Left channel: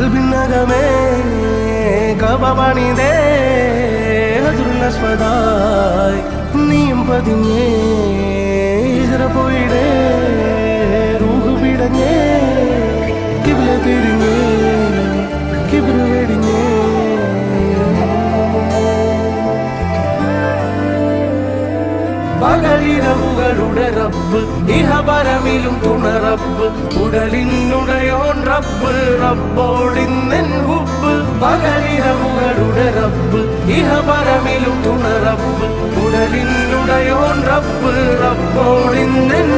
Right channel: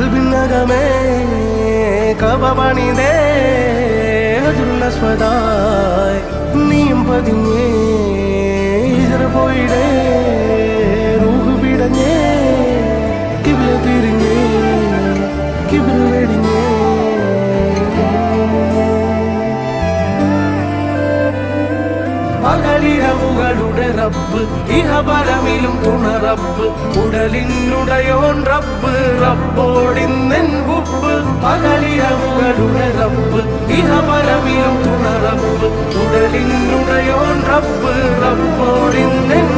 കൽബിനകമേ കബപണിതേ ഹജറുൽ നീയും പതിഞ്ഞേ ഹിജറ പോയിടേ റൂഹ് പിടഞ്ഞേ കിബില തിരിഞ്ഞേ കിബിറ് വെടിഞ്ഞേ പകലിരവുകളുടെ റബ്ബ് ഇഹപരമിലും തുണ റബ്ബ് ഉടലിനുടയോൻ റബ്ബ് റബ്ബോടിന്നെൻ ഹുബ്ബ് പകലിരവുകളുടെ റബ്ബ് ഇഹപരമിലും തുണ റബ്ബ് ഉടലിനുടയോൻ റബ്ബ് റബ്ബോടിന്നെൻ